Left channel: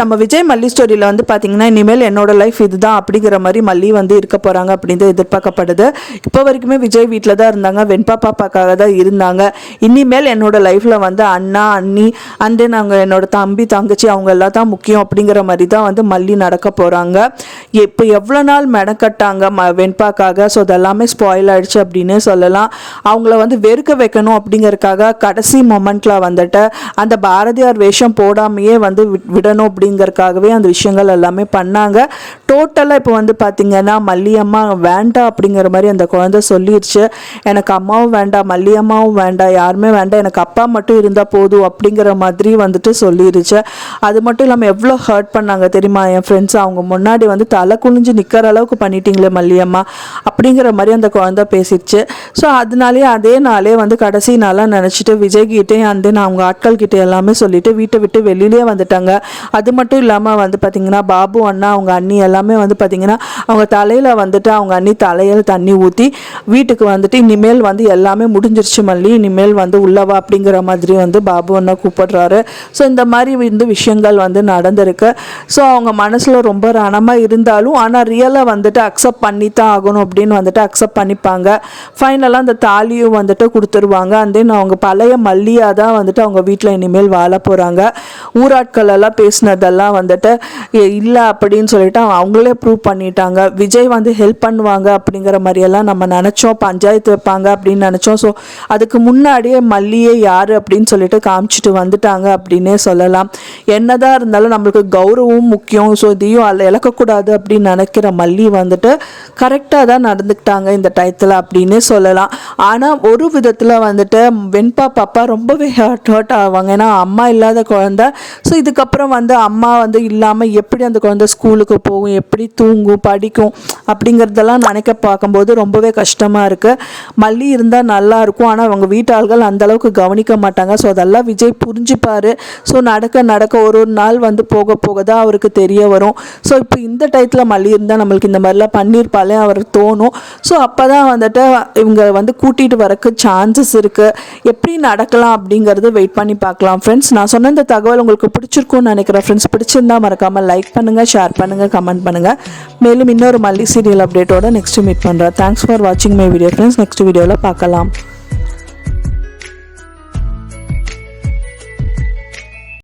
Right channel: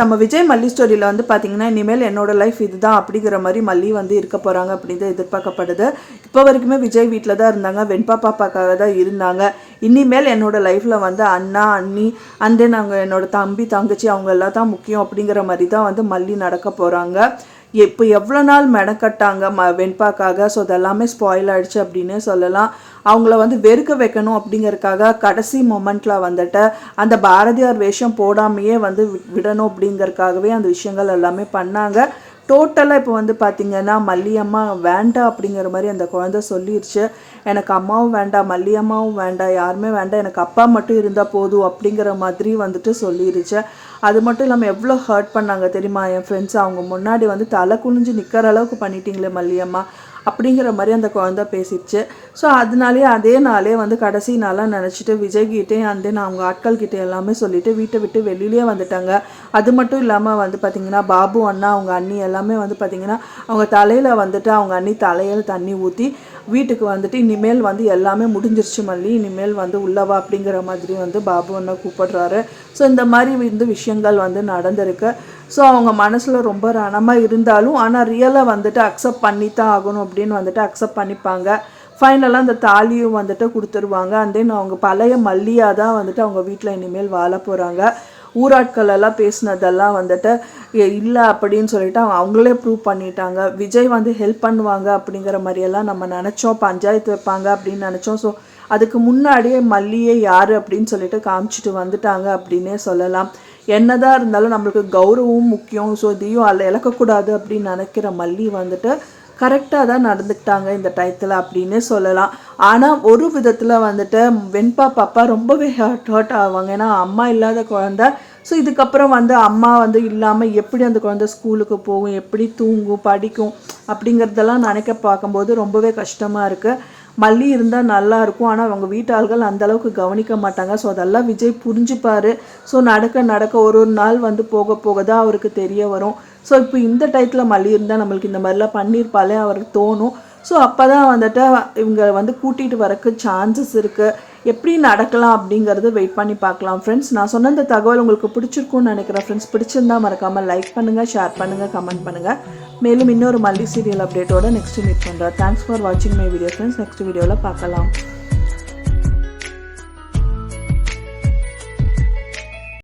நம்ம விஜய் மல்லி ஸ்டோரியில் வந்து பார்த்தீங்கன்னா இனிமேல் என்னோட லைஃப் இதுதான் அப்படிங்கிற மாதிரி மல்லி வந்து இருக்க போகிறாங்க அப்படின்னு எதிர்பார்க்கப்படுது. இப்போ வரைக்குமே விஜய் வீட்டில் தான் இருந்தாங்க, வெண்பா பாப்பாக்காக தான் இருந்தாங்க. இனிமேல் என்னோட லைஃப்பில் வந்து அண்ணா அண்ணி அண்டு நாங்கள் என்னோட தம்பி தங்கச்சி அவங்க எல்லாம் தான் முக்கியம் அப்படிங்கிற மாதிரி தான் வந்து மல்லி நடக்க போகிறாங்க. இப்போ எவ்வளோ நாள் மெனக்கட்டாங்க வெண்பாக்காக, ஸோ அதெல்லாமே ஸ்பாயில் ஆயிடுச்சு அப்படின்னு சொல்லலாம். அவங்கள வந்து வெறுக்க வைக்கணும் அப்படிங்கிறதுக்காக கடைசி மொமெண்ட்டில் வந்துட்டு அந்த பாரதியார் வேஷம் போடாமையே வந்து விடணும் அப்படிங்கறதுக்காகவே அந்த விஷயங்கள் எல்லாமே பண்ணாங்க. டோட்டலாக இப்போ வந்து பார்த்தீங்கன்னா மல்லியம்மா வேண்டாம் அப்படிங்கிற மாதிரி அந்த குழந்தை சொல்லிடுச்சு. எனக்கு அம்மாவும் வேண்டாம், மல்லியம்மாவும் வேண்டாம், யாருமே வேண்டாம், எனக்கு அப்பா மட்டும் இருந்தால் போதும் அப்படிங்கிற மாதிரி வந்துட்டு சொல்லிடுச்சு. அது மட்டும் இல்லாமல் எவ்வளோ ஹர்ட் பண்ணாங்க தெரியுமா என் ஃப்ரெண்ட்ஸ். அவங்க முன்னாடி வந்து தலை குனிஞ்சு நிற்கிற அளவுக்கு பண்ணிட்டீங்களே மல்லியம்மா அப்படிங்கிற மாதிரி அந்த குழந்தை பேசிடுச்சு. ஸோ அதனாலே அதே நாளே வந்து கடைசி நாளாக நினச்சிட்டு விஜய்கிட்டே அந்த அவங்க ஆட்கள் கிட்டே எல்லாமே சொல்லிட்டு வீட்டை விட்டு வெளியிலே வந்துட்டாங்க. அது மட்டும் இல்லாமல் வந்து பார்த்திங்கன்னா பாபு அண்ணா அவங்க அண்ணி எல்லாமே வந்து பார்த்திங்கன்னா அவங்க தலையில் வந்துட்டு அவங்க அண்ணி தலையில் தண்ணி ஊற்றி வீட்டுக்கு வந்துட்டு இனிமேல் வந்து எல்லாமே முடிஞ்சிருச்சு மல்லி, இனிமேல் வந்து உள்ளவா அப்படிங்கிற மாதிரி வந்து பாபு அண்ணா கூப்பிடுறாரு. ஸோ இந்த மாதிரி வந்து விஷயங்கள் வந்து நடந்திருக்கு. ஸோ அவங்க மனசில் ரொம்ப ரணமாக இருந்தாலும் ஆனால் ரியலாக வந்துட்டு அக்செப்ட் பண்ணி தான் ஆகணும் அப்படின்னு வந்துட்டு அக்செப்ட் பண்ணிப்பாங்க. ஃபைனலாக அந்த தாலியும் வந்துட்டு கொடுத்துருவாங்க. அண்ட் தென் அவங்க பழைய மல்லியாக தான் வந்துட்டு அவங்க வீட்டில் இனிமேல் வாழ போகிறாங்க. ஊராட்கள் எல்லாம் பேசினதெல்லாம் வந்துட்டு இல்லை அப்படின்னு சொல்லிட்டு அவங்களே ப்ரூவ் பண்ணிட்டாங்க. விஜய் வந்து ஹெல்ப் பண்ணுவாங்க அப்படிங்கிற மாதிரியெல்லாம் நம்ம நினச்சோம், பஞ்சாயத்து வைப்பாங்க அப்படின்னு நினச்சோம். ஸோ அதுக்கு முன்னாடியே மல்லியே யார் அப்படின்னு சொல்லிட்டு காமிச்சிட்டு வந்துட்டாங்க அப்படின்னே சொல்லலாம். என்னதான் இருந்தாலும் நம்மளுக்கு கௌரவம் முக்கியம், ஸோ இதையும் அதில் இழக்கக்கூடாது அப்படின்னு நினைக்கிற மல்லி வந்துட்டு கரெக்டாக தான் நடந்துக்கிட்டாங்க இந்த டயத்தில் அப்படின்னே சொல்லலாம். ஆனால் ஒரு விதத்தில் வந்துட்டு வெண்பா பாப்பா ரொம்பவே ஹர்ட் ஆவாங்க. ஏன்னா அம்மா இல்லாத குழந்தை. ஸோ இதுக்கப்புறம் வந்து அம்மா வந்து இல்லாமல் எப்படி அந்த குழந்தை ஸ்கூலுக்கு போகும், எப்படி தூங்கும், படிக்கும் அப்படிங்கிறதெல்லாம் நினைக்க பார்க்கும்போது ரொம்பவே கஷ்டமாக இருக்குது. மல்லி இருந்தால் நல்லாயிருக்கும், ஆனால் அவங்க வீட்டாள்கள் அந்தளவுக்கு கவனிக்க மாட்டாங்க. ஸோ அதெல்லாம் விஜய் புரிஞ்சுப்பார். ஸோ நடக்க ஒரு நாள் வந்து போக போக தான் அவருக்கு தெரிய வரும். ஸோ இப்போ இந்த டயத்தில் மல்லி இருந்தால் நம்மளுக்கு இந்த மாதிரிலாம் பண்ணியிருப்பாலே அவருக்கு தோணும். ஸோ அப்போ தான் வந்துட்டு இவங்க வந்து கூட்டிகிட்டு வரக்கு சான்சஸ் இருக்குது. எப்படி நடக்கலாம் அப்படிங்கிறது வெயிட் பண்ணி பார்க்கலாம் ஃப்ரெண்ட்ஸ். நான் சொன்ன இந்த தகவல் உங்களுக்கு பிடிச்சிருக்கும்னு நினைக்கிறேன் ஃப்ரெண்ட்ஸ். பிடிச்சிருந்தா மறக்காமல் லைக் பண்ணுங்கள், ஷேர் பண்ணுங்கள், கமெண்ட் பண்ணுங்கள். மேலும் இன்னொரு மல்லி சீரியல் அப்டேட்டோட நெக்ஸ்ட் மீட் பண்ணுறேன். தேங்க்ஸ் ஃபார் வாட்சிங் மை வீடியோ ஃப்ரெண்ட்ஸ். நெக்ஸ்ட் வீடியோவில் பார்க்கலாம்.